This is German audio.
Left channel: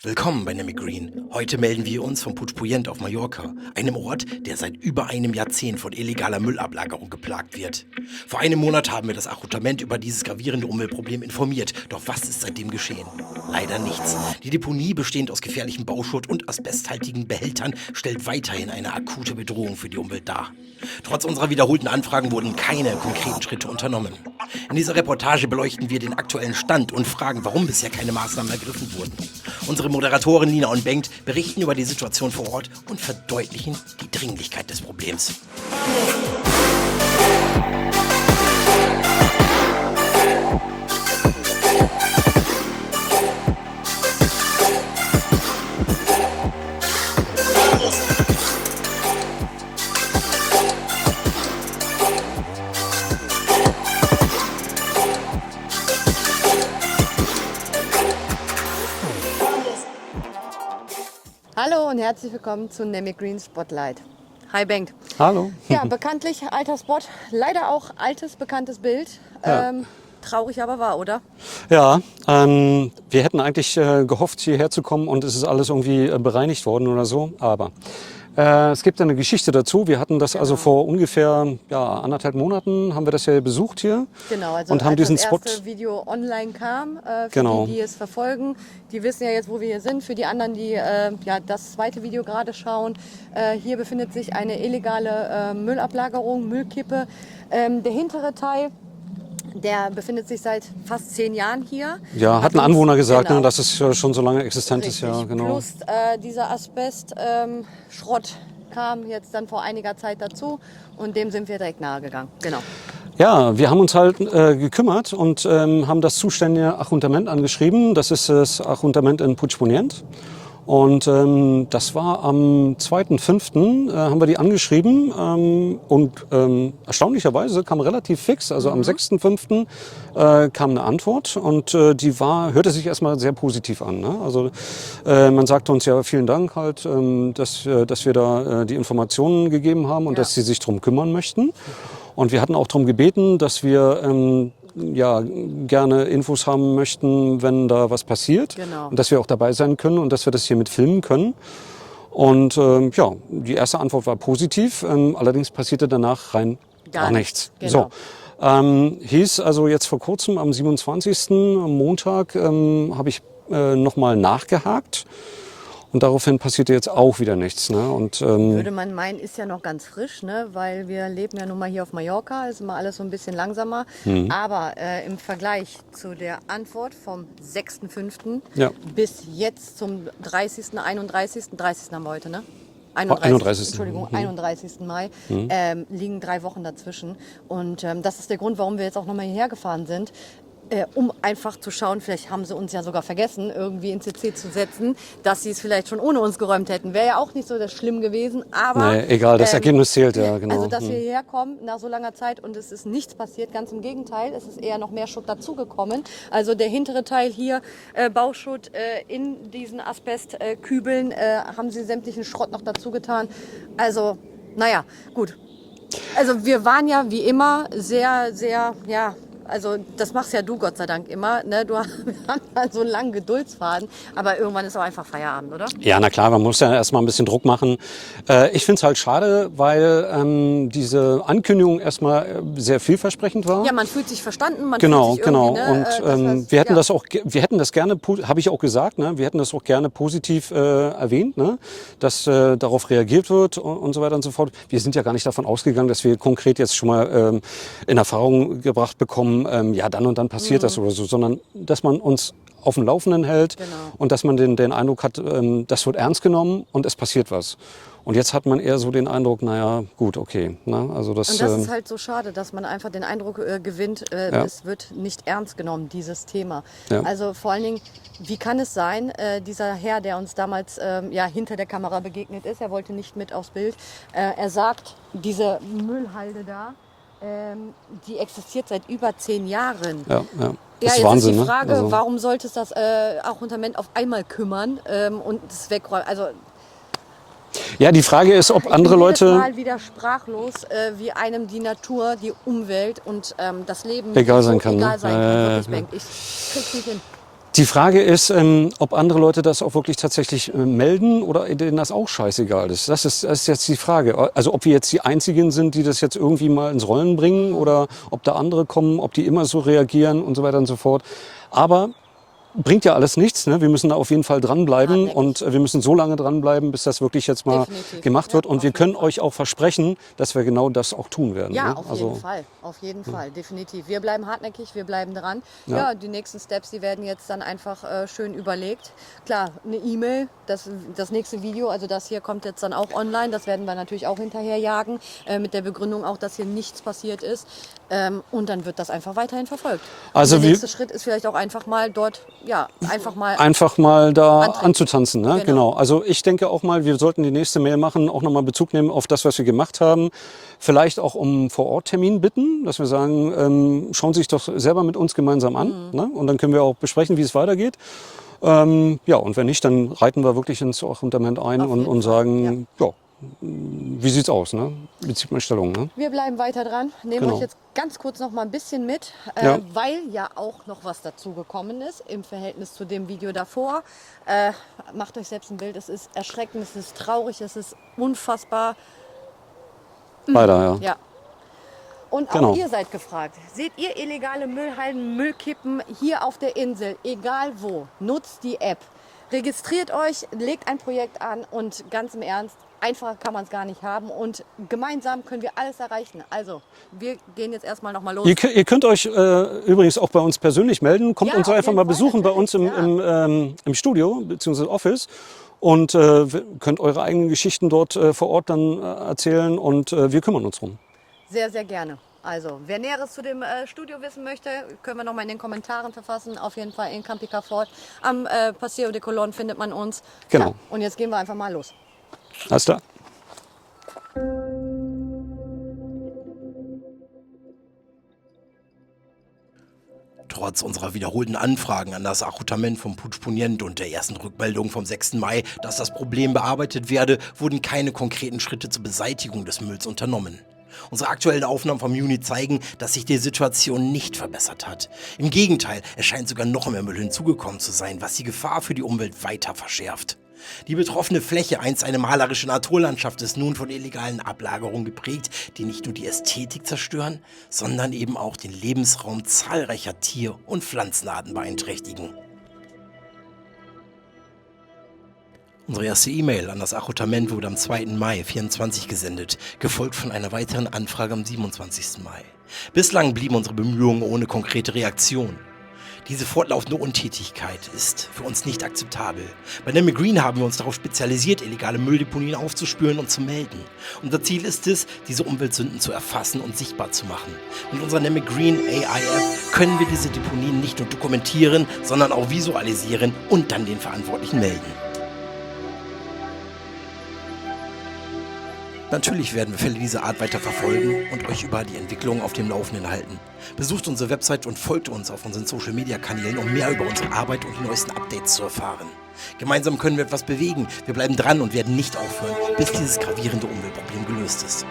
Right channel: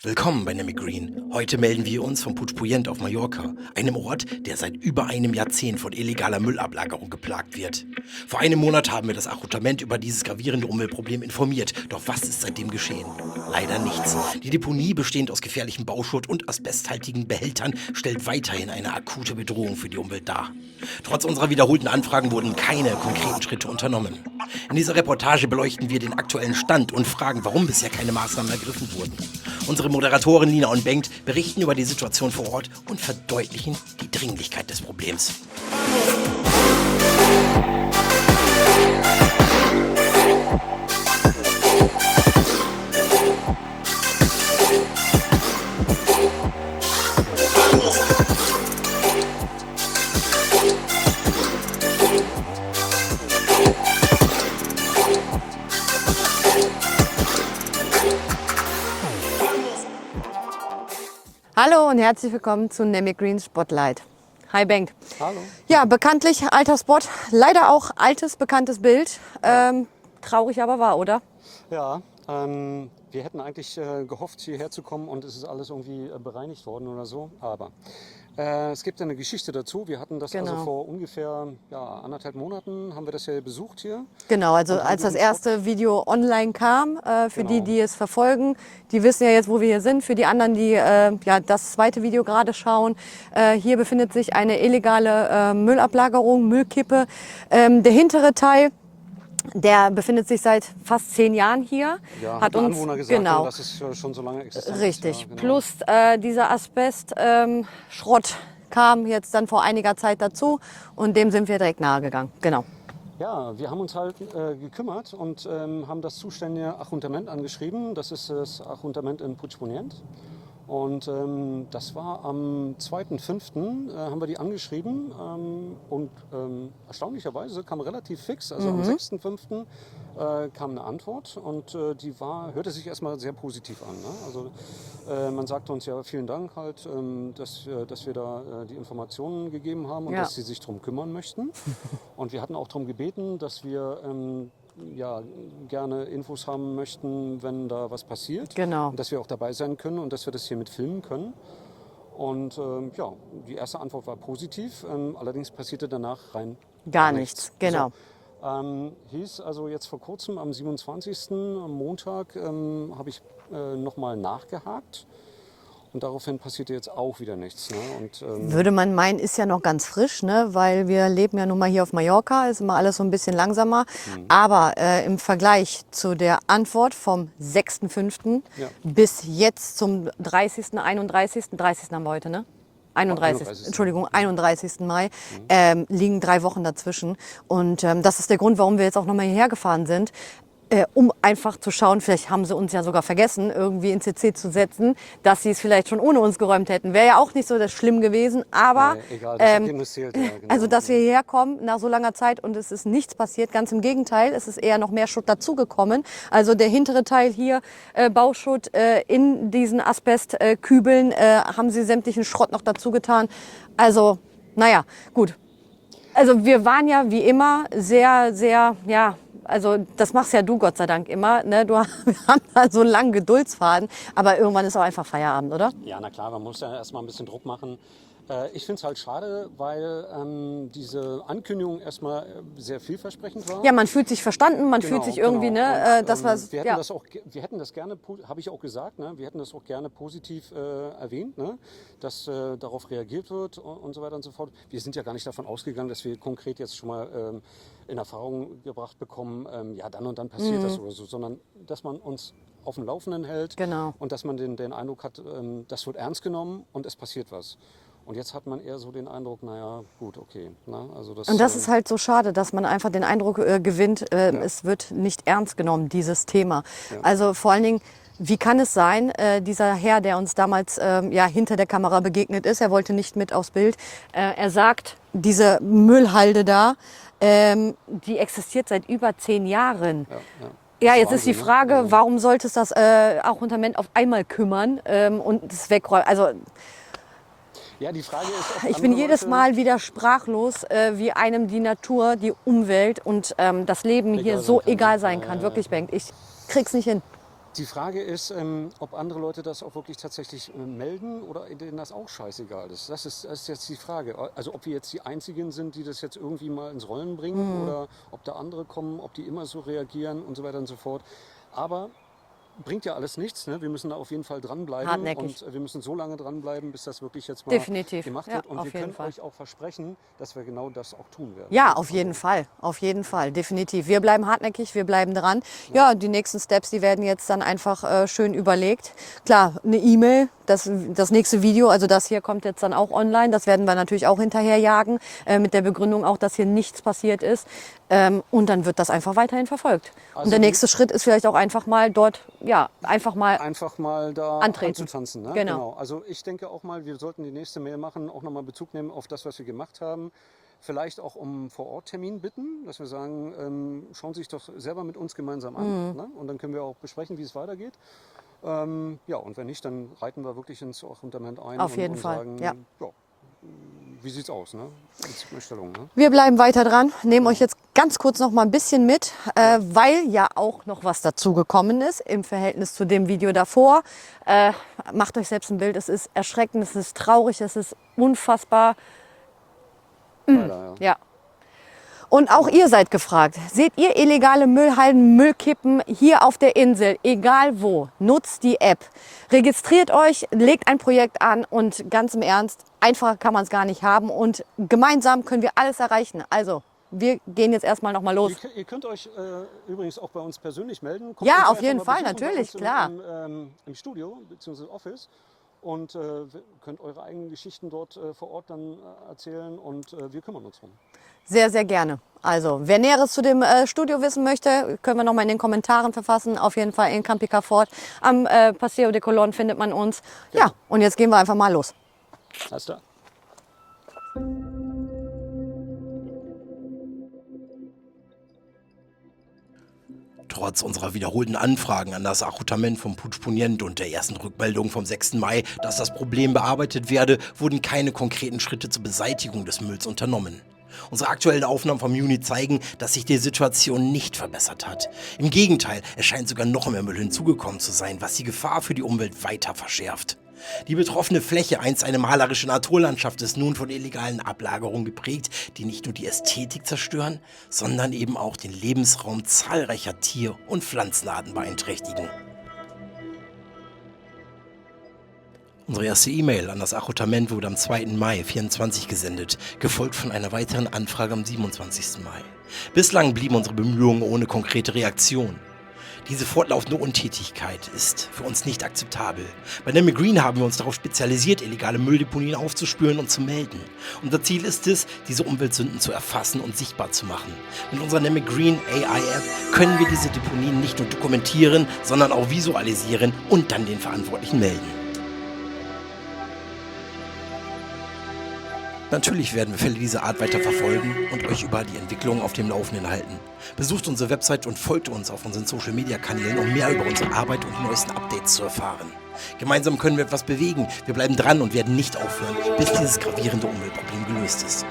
Willkommen bei Nemi Green. Heute melden wir uns vom Puig Puigdent auf Mallorca, einem Ort, der seit über einem Jahrzehnt von illegaler Müllablagerung geplagt wird. Vor einem Monat haben wir das Ajuntament über dieses gravierende Umweltproblem informiert. Doch was ist seitdem geschehen? Leider nichts. Die Deponie, bestehend aus gefährlichem Bauschutt und asbesthaltigen Behältern, stellt weiterhin eine akute Bedrohung für die Umwelt dar. Trotz unserer wiederholten Anfragen wurden keine konkreten Schritte unternommen. In dieser Reportage beleuchten wir den aktuellen Stand und fragen, warum bisher keine Maßnahmen ergriffen wurden. Unsere Moderatoren Lina und Bengt berichten über die Situation vor Ort und verdeutlichen die Dringlichkeit des Problems. Hallo und herzlich willkommen zu Nemi Green Spotlight. Hi Bengt. Hallo. Ja, bekanntlich alter Spot, leider auch altes, bekanntes Bild. Ja. Traurig aber wahr, oder? Ja, wir hätten eigentlich gehofft, hierher zu kommen und es ist alles irgendwie bereinigt worden oder so. Aber es gibt eine Geschichte dazu. Wir hatten das also vor ungefähr 1,5 Monaten, haben wir das ja besucht hier. Genau, also und haben als das diesen erste Spot Video online kam, für Genau. die es verfolgen, die wissen ja jetzt, wo wir hier sind. Für die anderen, die das zweite Video gerade schauen, hier befindet sich eine illegale Müllablagerung, Müllkippe. Der hintere Teil, der befindet sich seit fast 10 Jahren hier. Ja, hat ein uns- Anwohner gesagt, genau. dass es schon so lange existent Richtig. ist. Ja, genau. Plus dieser Asbest-Schrott kam jetzt dann vor einiger Zeit dazu und dem sind wir direkt nahe gegangen. Genau. Ja, wir haben uns halt gekümmert und haben das zuständige Ajuntament angeschrieben. Das ist das Ajuntament in Puig Puigdent. Und das war am 2.5. Haben wir die angeschrieben und erstaunlicherweise kam relativ fix, also am 6.5. Kam eine Antwort und die hörte sich erstmal sehr positiv an. Ne? Also man sagte uns ja vielen Dank halt, dass wir da die Informationen gegeben haben und dass sie sich darum kümmern möchten. Und wir hatten auch darum gebeten, dass wir gerne Infos haben möchten, wenn da was passiert. Genau. Und dass wir auch dabei sein können und dass wir das hier mit filmen können. Und die erste Antwort war positiv. Allerdings passierte danach rein gar nichts. Genau. So, hieß also jetzt vor kurzem am 27. am Montag habe ich nochmal nachgehakt. Und daraufhin passierte jetzt auch wieder nichts. Ne? Und, Würde man meinen, ist ja noch ganz frisch, ne? Weil wir leben ja nun mal hier auf Mallorca, ist immer alles so ein bisschen langsamer. Aber im Vergleich zu der Antwort vom 6.5. Ja. bis jetzt zum 30., 31., 30. haben wir heute, ne? 31.. Entschuldigung, 31. Mai, liegen 3 Wochen dazwischen. Und das ist der Grund, warum wir jetzt auch nochmal hierher gefahren sind. Um einfach zu schauen, vielleicht haben sie uns ja sogar vergessen, irgendwie in CC zu setzen, dass sie es vielleicht schon ohne uns geräumt hätten. Wäre ja auch nicht so das schlimm gewesen, aber... Nee, egal, das Ergebnis zählt, ja, genau. Also, dass wir hierher kommen nach so langer Zeit und es ist nichts passiert, ganz im Gegenteil, es ist eher noch mehr Schutt dazugekommen. Also der hintere Teil hier, Bauschutt, in diesen Asbestkübeln haben sie sämtlichen Schrott noch dazu getan. Also, naja, gut. Also wir waren ja wie immer sehr, sehr, also das machst ja du Gott sei Dank immer. Ne? Wir haben da so einen langen Geduldsfaden, aber irgendwann ist auch einfach Feierabend, oder? Ja, na klar, man muss ja erstmal ein bisschen Druck machen. Ich finde es halt schade, weil diese Ankündigung erstmal sehr vielversprechend war. Ja, man fühlt sich verstanden, man Genau, fühlt sich irgendwie, genau. ne? Und wir hätten das gerne, habe ich auch gesagt, ne? Wir hätten das auch gerne positiv erwähnt, ne? Dass darauf reagiert wird und so weiter und so fort. Wir sind ja gar nicht davon ausgegangen, dass wir konkret jetzt schon mal in Erfahrung gebracht bekommen, dann und dann passiert das oder so, sondern dass man uns auf dem Laufenden hält und dass man den Eindruck hat, das wird ernst genommen und es passiert was. Und jetzt hat man eher so den Eindruck, naja, gut, okay. Ne? Also das ist halt so schade, dass man einfach den Eindruck gewinnt, es wird nicht ernst genommen, dieses Thema. Ja. Also vor allen Dingen, wie kann es sein, dieser Herr, der uns damals hinter der Kamera begegnet ist, er wollte nicht mit aufs Bild, er sagt, diese Müllhalde da, die existiert seit über 10 Jahren. Ja, ja. Ja, Das jetzt Wahnsinn, ist die Frage, ne? Also, warum sollte es das Ajuntament auf einmal kümmern und es wegräumen? Also ja, die Frage ist, ob ich andere bin jedes Leute Mal wieder sprachlos, wie einem die Natur, die Umwelt und das Leben Egal hier sein so kann, ne? egal sein kann. Ja, Wirklich, ja. Bengt. Ich krieg's nicht hin. Die Frage ist, ob andere Leute das auch wirklich tatsächlich melden oder denen das auch scheißegal ist. Das ist jetzt die Frage. Also ob wir jetzt die Einzigen sind, die das jetzt irgendwie mal ins Rollen bringen oder ob da andere kommen, ob die immer so reagieren und so weiter und so fort. Aber bringt ja alles nichts. Ne? Wir müssen da auf jeden Fall dranbleiben Hartnäckig. und wir müssen so lange dranbleiben, bis das wirklich jetzt mal Definitiv. gemacht wird. Ja, Und auf wir jeden können Fall. euch auch versprechen, dass wir genau das auch tun werden. Ja, ne? auf jeden Fall. Auf jeden Fall, definitiv. Wir bleiben hartnäckig, wir bleiben dran. Ja, die nächsten Steps, die werden jetzt dann einfach schön überlegt. Klar, eine E-Mail, das nächste Video, also das hier kommt jetzt dann auch online. Das werden wir natürlich auch hinterher jagen, mit der Begründung auch, dass hier nichts passiert ist. Und dann wird das einfach weiterhin verfolgt. Also und der wir- nächste Schritt ist vielleicht auch einfach mal dort, ja, einfach mal da antreten. anzutanzen. Ne? Genau. Genau. Also ich denke auch mal, wir sollten die nächste Mail machen, auch nochmal Bezug nehmen auf das, was wir gemacht haben. Vielleicht auch um Vor-Ort-Termin bitten, dass wir sagen, schauen Sie sich doch selber mit uns gemeinsam an. Ne? Und dann können wir auch besprechen, wie es weitergeht. Ja, und wenn nicht, dann reiten wir wirklich ins Achunterment ein Auf jeden und Fall, sagen, ja, wie sieht's aus? Ne? Wie zieht man Stellung? Ne? Wir bleiben weiter dran, nehmen Genau. euch jetzt ganz kurz noch mal ein bisschen mit, Ja. weil ja auch noch was dazugekommen ist im Verhältnis zu dem Video davor. Macht euch selbst ein Bild, es ist erschreckend, es ist traurig, es ist unfassbar. Leider, ja. Ja. Und auch Genau. ihr seid gefragt. Seht ihr illegale Müllhalden, Müllkippen hier auf der Insel, egal wo, nutzt die App. Registriert euch, legt ein Projekt an und ganz im Ernst, einfacher kann man es gar nicht haben und gemeinsam können wir alles erreichen. Also, wir gehen jetzt erstmal noch mal los. Ihr könnt euch übrigens auch bei uns persönlich melden. Kommt Ja, uns auf einfach jeden mal Fall, besuchen bei uns natürlich, im Studio bzw. Office. Und könnt eure eigenen Geschichten dort vor Ort dann erzählen und wir kümmern uns drum. Sehr, sehr gerne. Also, wer Näheres zu dem Studio wissen möchte, können wir noch mal in den Kommentaren verfassen. Auf jeden Fall in Campica Fort. Am Paseo de Colón findet man uns. Genau. Ja, und jetzt gehen wir einfach mal los. Alles klar. Trotz unserer wiederholten Anfragen an das Achutament vom Puigpunyent und der ersten Rückmeldung vom 6. Mai, dass das Problem bearbeitet werde, wurden keine konkreten Schritte zur Beseitigung des Mülls unternommen. Unsere aktuellen Aufnahmen vom Juni zeigen, dass sich die Situation nicht verbessert hat. Im Gegenteil, es scheint sogar noch mehr Müll hinzugekommen zu sein, was die Gefahr für die Umwelt weiter verschärft. Die betroffene Fläche, einst eine malerische Naturlandschaft, ist nun von illegalen Ablagerungen geprägt, die nicht nur die Ästhetik zerstören, sondern eben auch den Lebensraum zahlreicher Tier- und Pflanzenarten beeinträchtigen. Unsere erste E-Mail an das Achutament wurde am 2. Mai 24 gesendet, gefolgt von einer weiteren Anfrage am 27. Mai. Bislang blieben unsere Bemühungen ohne konkrete Reaktion. Diese fortlaufende Untätigkeit ist für uns nicht akzeptabel. Bei Nemme Green haben wir uns darauf spezialisiert, illegale Mülldeponien aufzuspüren und zu melden. Unser Ziel ist es, diese Umweltsünden zu erfassen und sichtbar zu machen. Mit unserer Nemme Green AI-App können wir diese Deponien nicht nur dokumentieren, sondern auch visualisieren und dann den Verantwortlichen melden. Natürlich werden wir Fälle dieser Art weiter verfolgen und euch über die Entwicklung auf dem Laufenden halten. Besucht unsere Website und folgt uns auf unseren Social-Media-Kanälen, um mehr über unsere Arbeit und die neuesten Updates zu erfahren. Gemeinsam können wir etwas bewegen, wir bleiben dran und werden nicht aufhören, bis dieses gravierende Umweltproblem gelöst ist.